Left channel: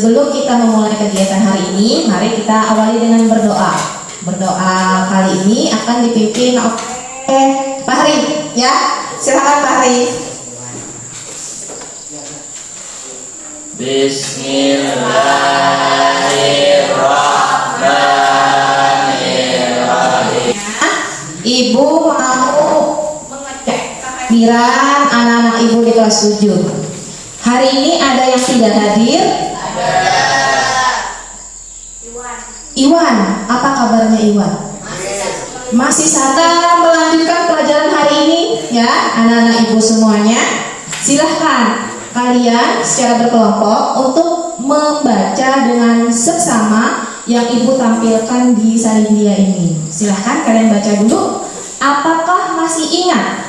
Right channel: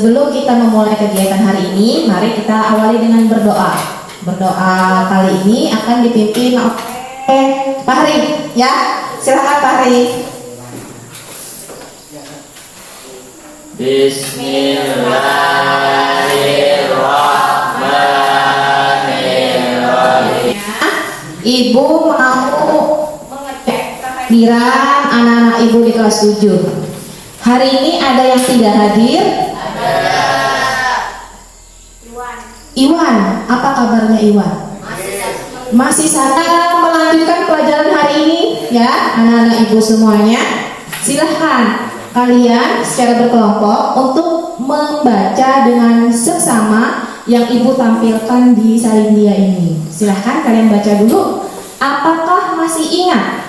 Sebelum kita memulai kegiatan hari ini, mari kita awali dengan berdoa. Berdoa kali ini akan dipimpin oleh Fahri, ya. Silakan Fahri. Bismillahirrahmanirrahim. Ibu mau mengecek kehadiran anak-anak ibu di kelas 7. Hari ini ada yang tidak hadir? Iwan, apa kabarnya Iwan? Masih saja melanjutkan pelajaran hari ini, ya, anak-anak ibu semuanya. Silahkan kalian secara berkelompok untuk membaca dengan seksama yang ibu tampilkan di salindia ini. Silahkan kalian baca dulu. Apakah masih ingat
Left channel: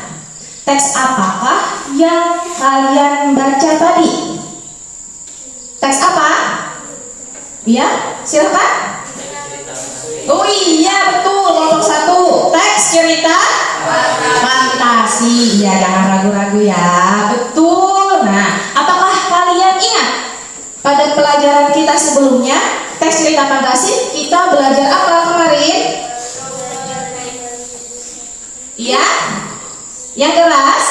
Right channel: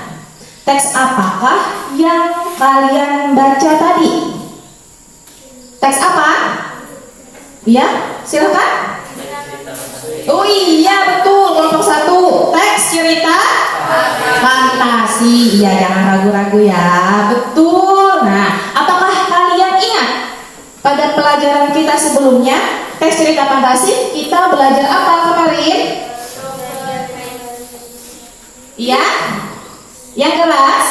teks apakah yang kalian baca tadi? Teks apa? Ya, silahkan. Oh iya, betul, kelompok 1. Teks cerita fantasi. Iya, jangan ragu-ragu ya. Betul. Nah, apakah kalian ingat pada pelajaran kita sebelumnya, teks cerita fantasi, kita belajar apa kemarin? Iya? Yang keras?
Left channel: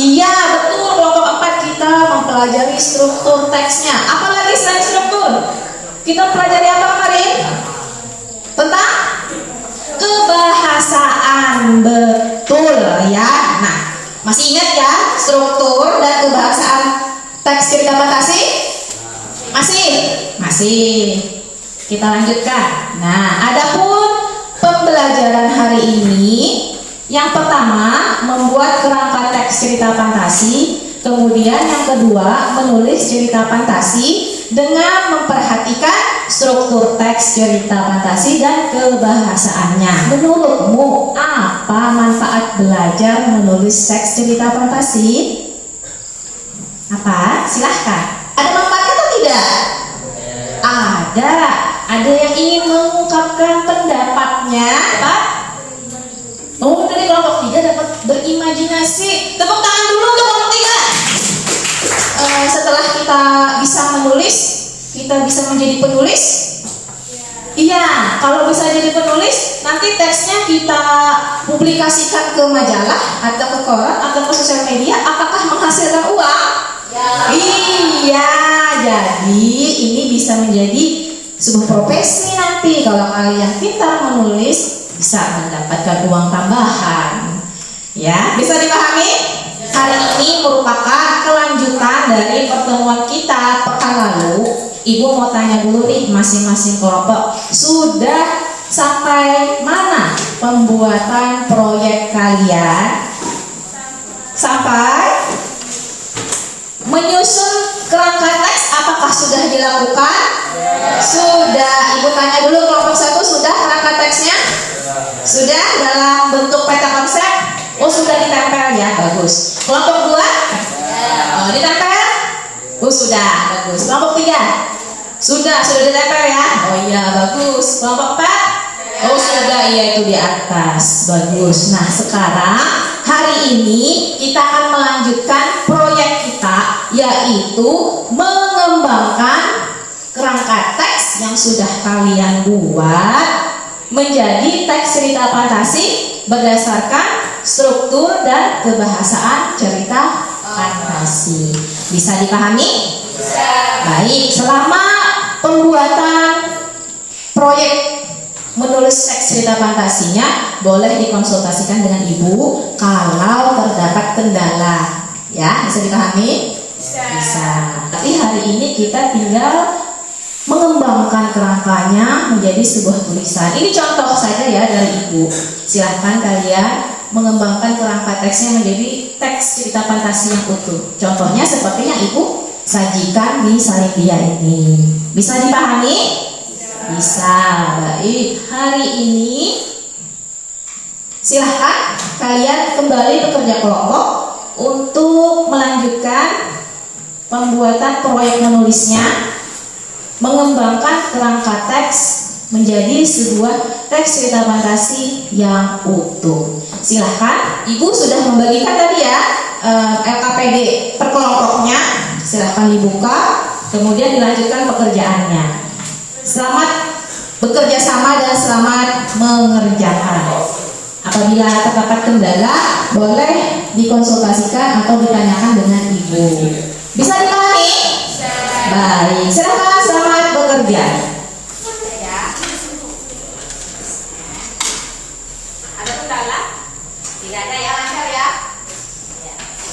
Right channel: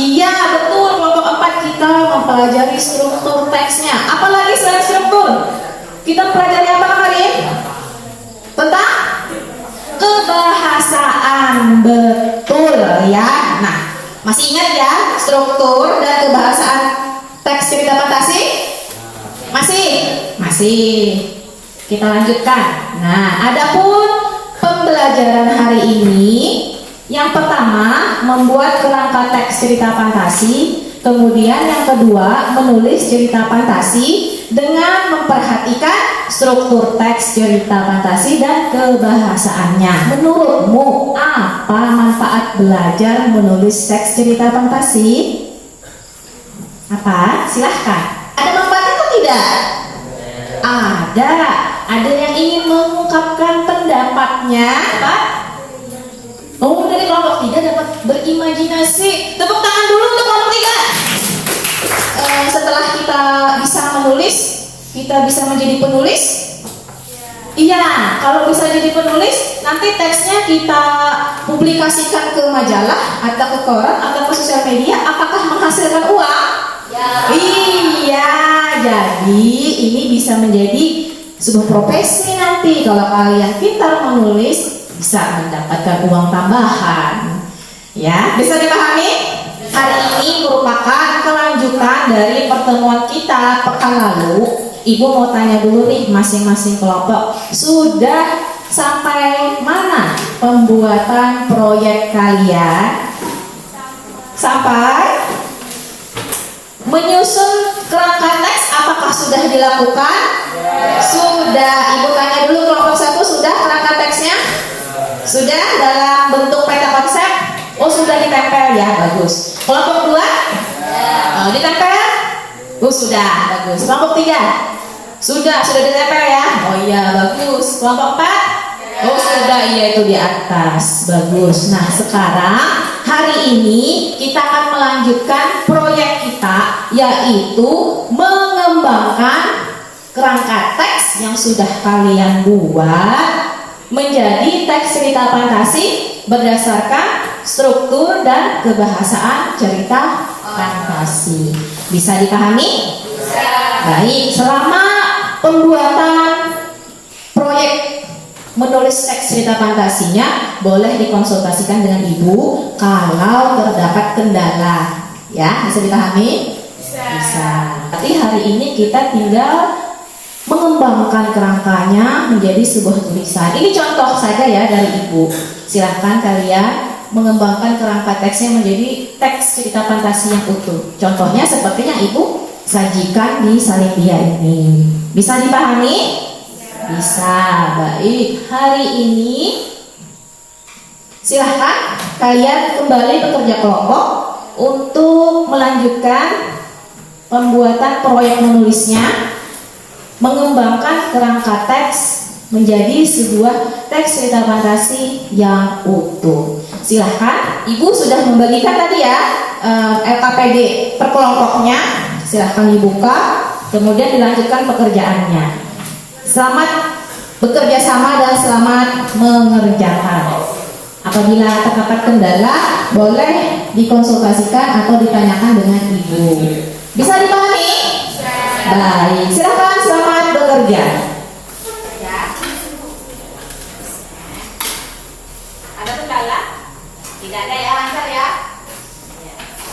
Iya, betul, kelompok 4 kita mempelajari struktur teksnya. Apalagi selain struktur? Kita pelajari apa kemarin? Tentang kebahasaan. Betul ya. Nah, masih ingat ya struktur dan kebahasaan teks cerita fantasi? Masih. Kita lanjutkan. Nah, adapun pembelajaran hari ini, yang pertama membuat kerangka teks cerita fantasi, kemudian yang kedua menulis cerita fantasi dengan memperhatikan struktur teks cerita fantasi dan kebahasaannya. Menurutmu apa manfaat belajar menulis teks cerita fantasi? Apa? Silahkan. Ada manfaatnya atau tidak? Ada. Ada yang ingin mengungkapkan pendapatnya, Pak? Oh, dari kelompok 3 dapat berimajinasi. Tepuk tangan dulu untuk kelompok 3. Setelah kita bisa menulis, kita bisa menjadi penulis. Iya, kalau bisa jadi penulis, nanti teksnya kita publikasikan ke majalah atau ke koran atau ke sosial media. Apakah menghasilkan uang? Ya. Iya, jadi ini bisa menjadi sebuah profesi nanti. Kalau kalian pintar menulis, bisa mendapatkan uang tambahan. Ya, bisa dipahami? Hari ini merupakan kelanjutan dari pertemuan kita pekan lalu. Ibu mau tanya dulu nih, masing-masing kelompok sudah sampai mana pembuatan proyek kalian? Sampai menyusun kerangka teks, apakah sudah dilakukan? Sudah. Ibu tanya dulu, kelompok 1 sudah kerangka teksnya? Sudah dalam bentuk peta konsep? Oh, sudah ditempel ya, bagus. Kelompok 2? Ditempel? Oh, sudah, bagus. Kelompok 3? Sudah ditempel ya? Oh iya, bagus. Kelompok 4? Oh, sudah, iya itu di atas. Bagus. Nah, sekarang hari ini kita akan melanjutkan proyek kita, yaitu mengembangkan kerangka teks yang sudah kalian buat menjadi teks cerita fantasi berdasarkan struktur dan kebahasaan cerita fantasi. Bisa dipahami? Bisa. Baik, selama pembuatan proyek menulis teks cerita fantasinya boleh dikonsultasikan dengan ibu kalau terdapat kendala. Ya, bisa dipahami? Bisa. Tapi hari ini kita tinggal mengembangkan kerangkanya menjadi sebuah tulisan. Ini contoh saja ya dari ibu. Silahkan kalian mengembangkan kerangka teksnya menjadi teks cerita fantasi yang utuh. Contohnya seperti yang ibu sajikan di salindia ini. Bisa dipahami? Bisa. Baik, hari ini silahkan kalian kembali bekerja kelompok untuk melanjutkan pembuatan proyek menulisnya, mengembangkan kerangka teks menjadi sebuah teks cerita fantasi yang utuh. Silahkan, ibu sudah membagikan tadi ya LKPD per kelompoknya. Silahkan dibuka. Kemudian dilanjutkan pekerjaannya. Selamat bekerja sama dan selamat mengerjakan. Apabila terdapat kendala, boleh dikonsultasikan atau ditanyakan dengan ibu. Bisa dipahami? Baik, silakan selamat bekerja. Ada kendala? Tidak ada ya, lancar ya?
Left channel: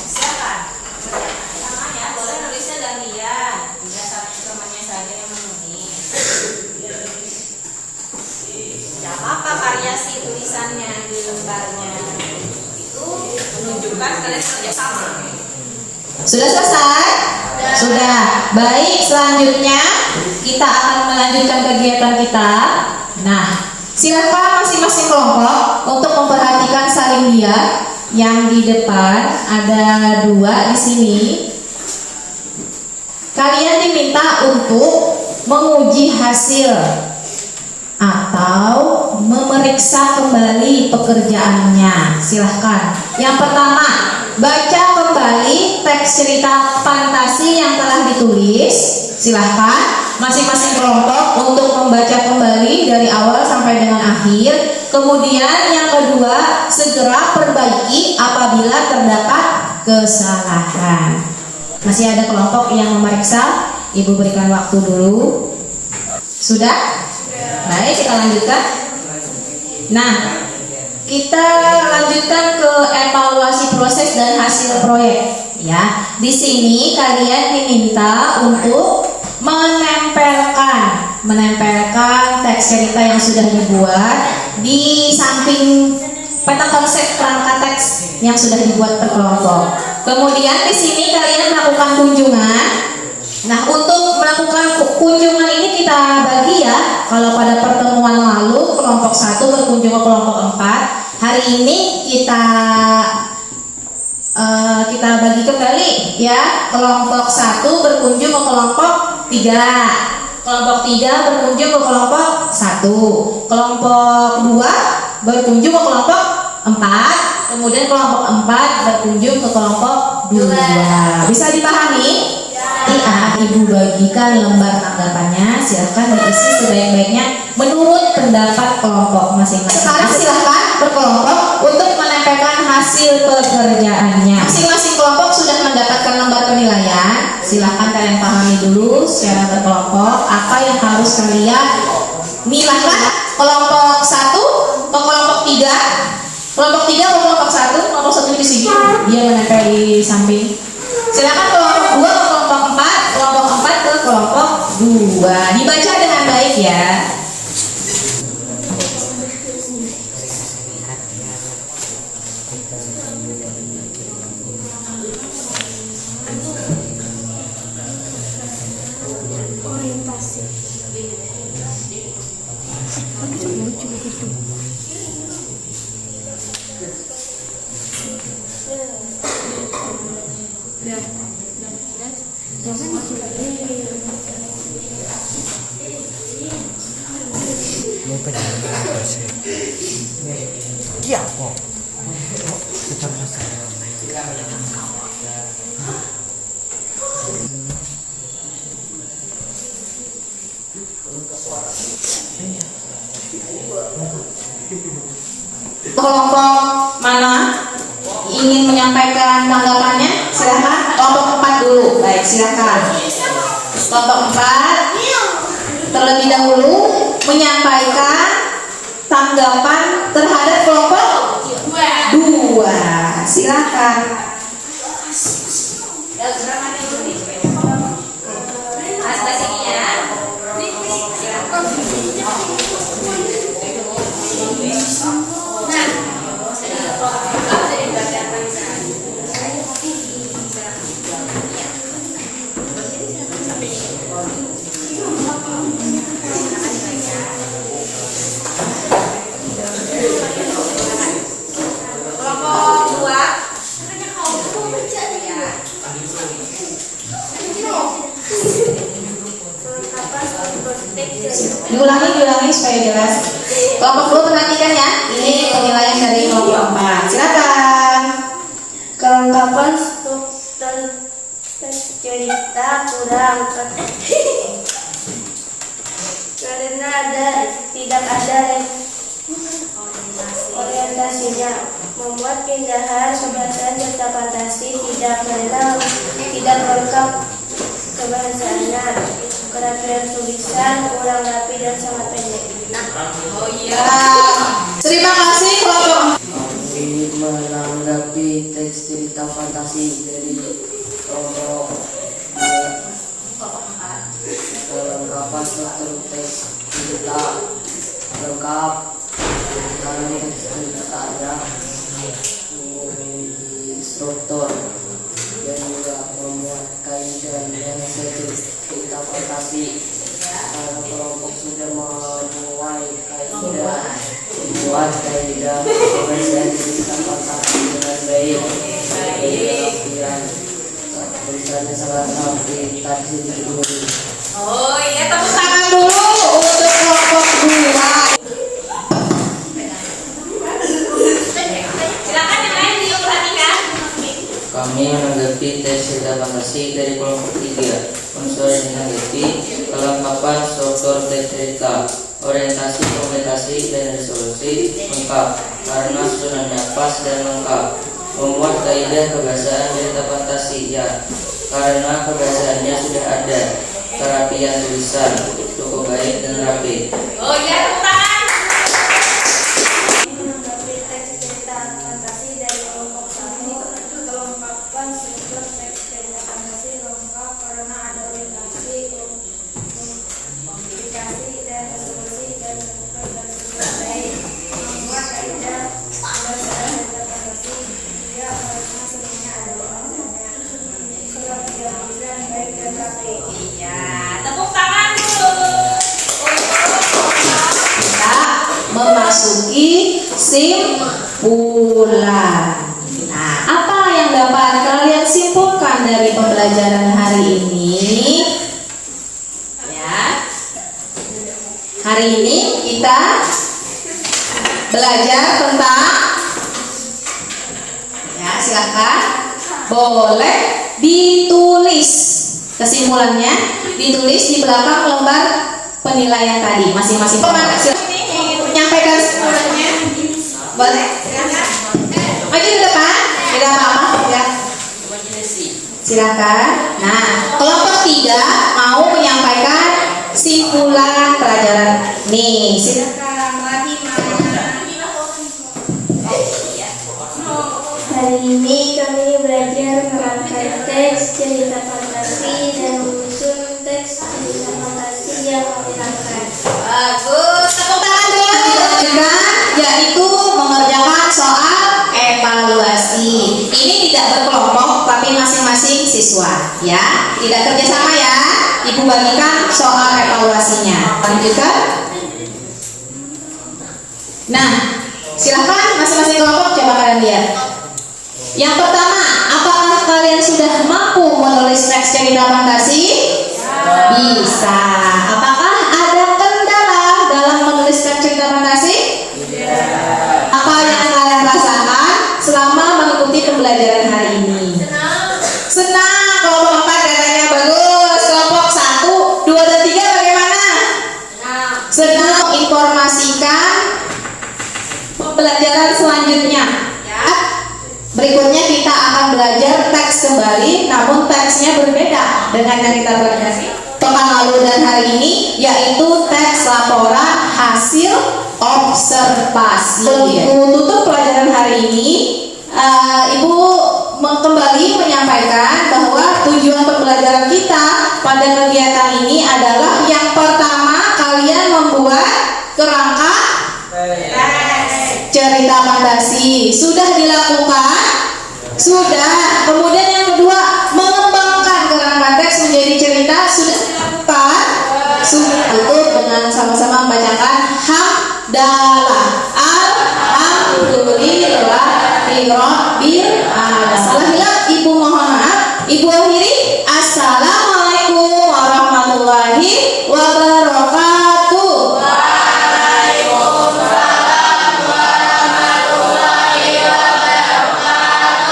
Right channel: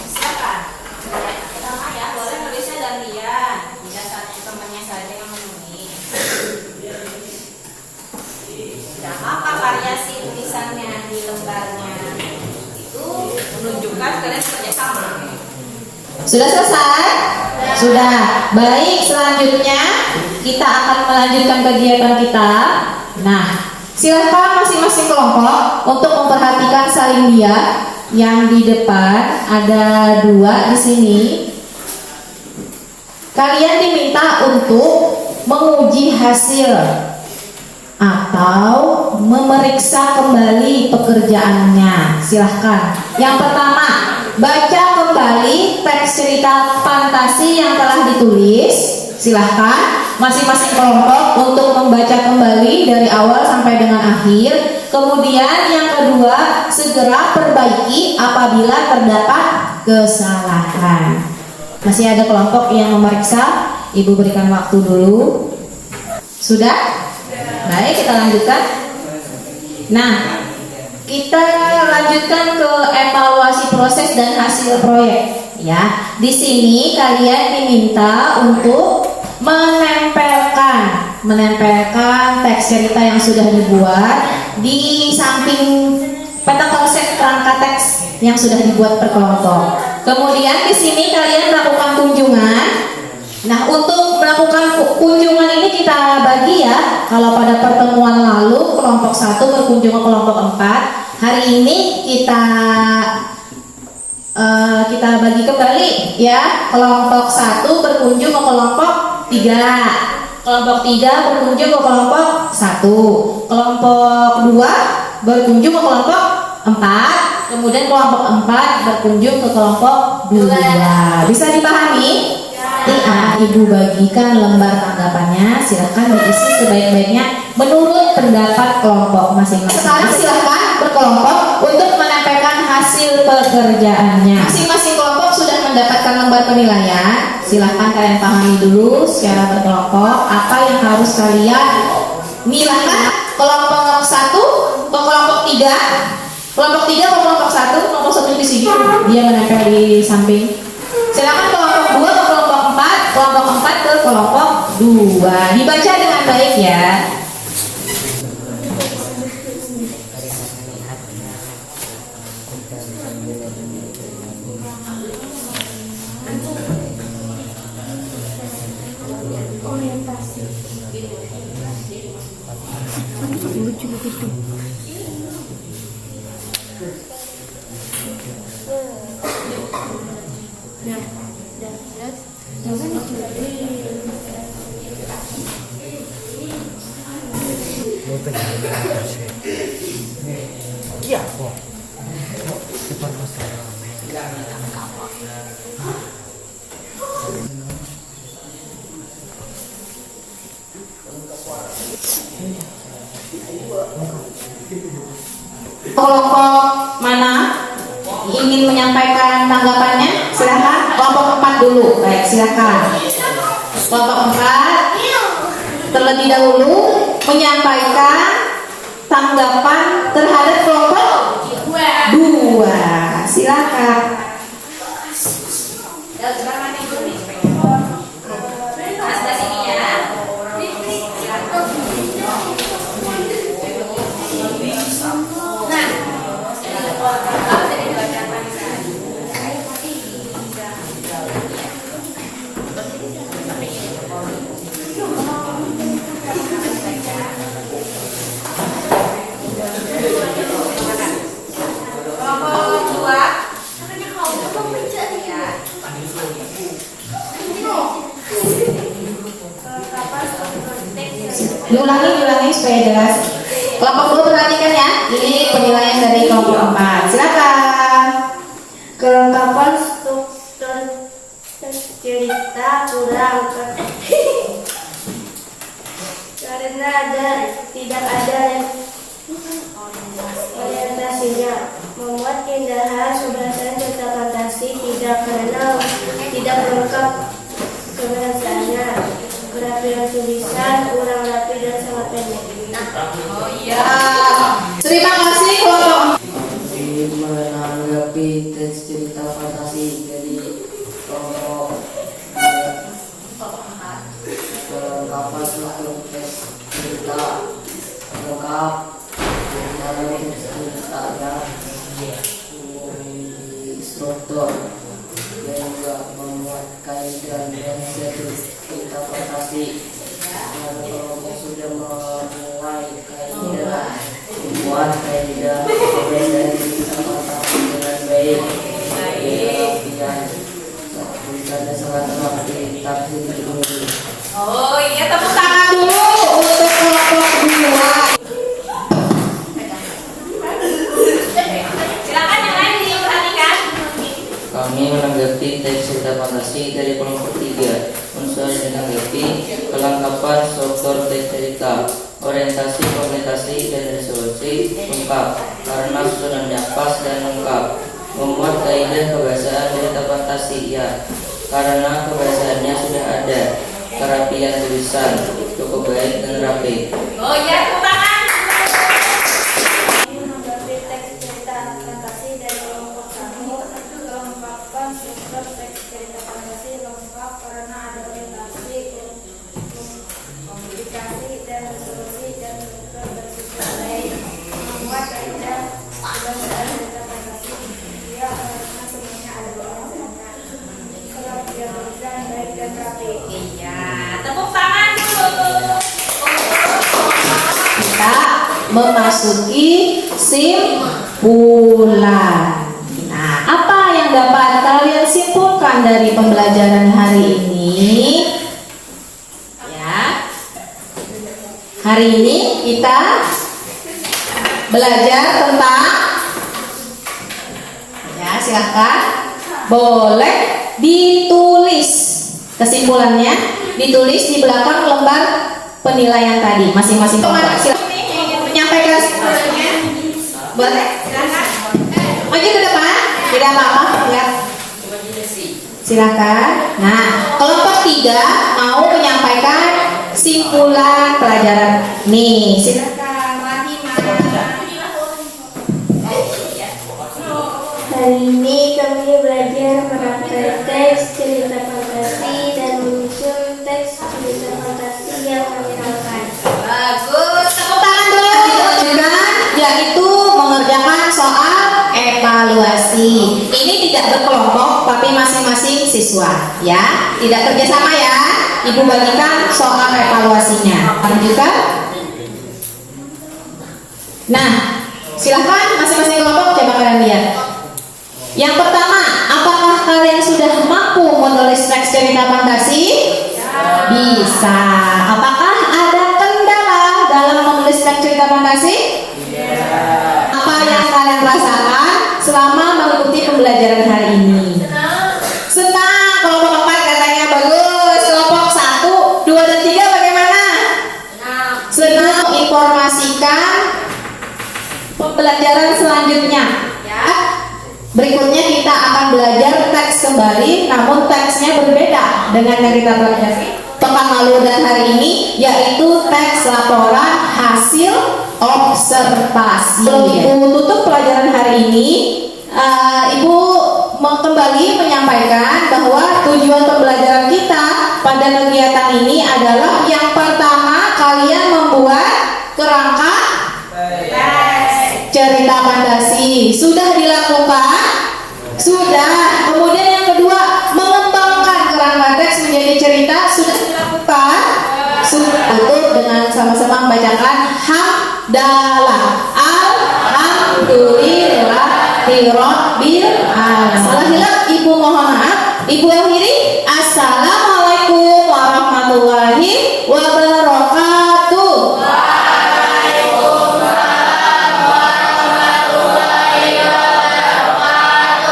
Silakan. Sama ya, boleh nulisnya gantian. Tidak satu temannya saja yang menulis. Tidak apa-apa variasi tulisannya di lembarnya. Itu menunjukkan kalian kerja sama. Sudah selesai? Sudah. Baik, selanjutnya kita akan melanjutkan kegiatan kita. Nah, silakan masing-masing kelompok untuk memperhatikan salin dia. Yang di depan ada 2 di sini. Kalian diminta untuk menguji hasil atau memeriksa kembali pekerjaannya. Silahkan. Yang pertama, baca kembali teks cerita fantasi yang telah ditulis. Silahkan masing-masing kelompok untuk membaca kembali dari awal sampai dengan akhir. Kemudian yang kedua, segera perbaiki apabila terdapat kesalahan. Masih ada kelompok yang memeriksa? Ibu berikan waktu dulu. Sudah? Baik, kita lanjutkan. Nah, kita lanjutkan ke evaluasi proses dan hasil proyek. Ya, di sini kalian diminta untuk menempelkan teks cerita yang sudah dibuat di samping peta konsep kerangka teks yang sudah dibuat per kelompok. Kemudian di sini kalian melakukan kunjungan. Nah, untuk melakukan kunjungan ini kita bagi ya. Kalau pada pertemuan lalu kelompok 1 berkunjung ke kelompok 4, hari ini kita bagi kembali ya. Kelompok 1 berkunjung ke kelompok 3. Kelompok 3 berkunjung ke kelompok 1. Kelompok 2 berkunjung ke kelompok 4. Kemudian kelompok 4 berkunjung ke kelompok 2. Bisa dipahami? Iya, Ibu bagikan lembar tanggapannya. Silahkan diisi sebaik-baiknya menurut pendapat kelompok masing-masing. Sekarang silahkan berkelompok untuk menempelkan hasil pekerjaannya. Masing-masing kelompok sudah mendapatkan lembar penilaian. Silahkan kalian pahami dulu secara berkelompok apa yang harus kalian milahkan. Kelompok 1 ke kelompok 3. Kelompok 3 ke kelompok 1. Kelompok 1 di sini, dia menempel di samping. Silahkan kelompok 2 ke kelompok 4. Kelompok 4 ke kelompok 2. Dibaca dengan baik ya. Kelompok mana ingin menyampaikan tanggapannya? Silakan. Kelompok 4 dulu. Baik, silakan. Kelompok 4 terlebih dahulu menyampaikan tanggapan terhadap kelompok 2. Silakan. Diulangi supaya jelas. Kelompok 2 perhatikan ya. Ini penilaian dari kelompok 4. Silakan. Kelengkapan struktur teks cerita kita kurang karena tidak ada orientasinya. Membuat pindahan kebahasaan serta fantasi tidak lengkap kebahasaannya. Kerapian tulisan kurang rapi dan sangat pendek. Oh iya. Terima kasih kelompok. Menanggapi teks cerita fantasi dari kelompok kelengkapan struktur teks cerita lengkap teks ceritanya di struktur dan juga membuat kaidah dan cerita fantasi. Kelompok sudah memulai kaidah membuat kaidah dan cerita fantasi dengan baik. Latihan tulisannya sangat rapi, tapi sedikit dulu. Oh iya, tepuk tangan dulu untuk kelompok 2. Silakan yang lain diperhatikan. Kami menanggapi teks cerita fantasi dari kelompok 3. Unsur yang menanggapi kelengkapan struktur teks cerita, orientasi, komunikasi, dan resolusi lengkap karena susunannya pas dan lengkap. Membuat kaidah kebahasaan cerita fantasi ya, karena kebahasaannya sudah ada. Kerapian tulisan cukup baik dan rapi. Oh iya, tepuk tangan. Menanggapi teks cerita fantasi dari kelompok 1. Kelengkapan struktur teks cerita fantasi lengkap karena ada orientasi, komunikasi, dan resolusi dan struktur tersusun baik. Membuat kaidah kebahasaan cerita fantasi ya, karena sebenarnya ada bahasanya. Kerapian tulisan baik dan rapi. Iya, tepuk tangan dulu. Kita memasuki simpulan. Nah, apa yang dapat kalian simpulkan dari pembelajaran hari ini? Ya. Hari ini kita belajar tentang, ya silakan, boleh ditulis kesimpulannya, ditulis di belakang lembar penilaian tadi masing-masing kelompok. Silakan menyampaikan kesimpulannya, boleh silakan. Maju ke depan, tidak apa-apa ya. Silakan. Nah, kelompok 3 mau menyampaikan simpulan pelajaran. Nih, silakan Rahimah. Hari ini kami belajar merangkai teks cerita fantasi dan menyusun teks cerita fantasi yang kami rangkai. Bagus, tepuk tangan dulu. Dilanjutkan, yaitu mengerjakan soal evaluasi. Ini tidak berkelompok, tapi masing-masing siswa, ya. Tidak kerjasama ya. Ibu bagikan soal evaluasinya. Lanjutkan. Nah, silahkan masing-masing kelompok coba kalian lihat. Yang pertama, apakah kalian sudah mampu menulis teks cerita fantasi? Bisa. Apakah ada kendala dalam menulis teks cerita fantasi? Apa yang kalian rasakan selama mengikuti pembelajaran hari ini? Senang. Kelompok 4 katanya bagus. Kelompok 1, 2, dan 3 bagaimana? Senang. Informasikan pembelajaran selanjutnya. Berikutnya kita akan belajar teks kembali, namun teksnya berbeda dengan yang kita pelajari pekan lalu dan hari ini, yaitu teks laporan hasil observasi. Ibu tutup pelajaran hari ini, Ibu kembali menyampaikan bahwa tujuan pembelajaran kita pada kegiatan ini adalah yang pertama, kalian membuat kerangka cerita fantasi. Sudah dilakukan? Sudah. Kemudian yang kedua, mengembangkan kerangka teks menjadi cerita. Sudah dilakukan? Sudah. Itu dengan sama-sama membacakan hamdalah.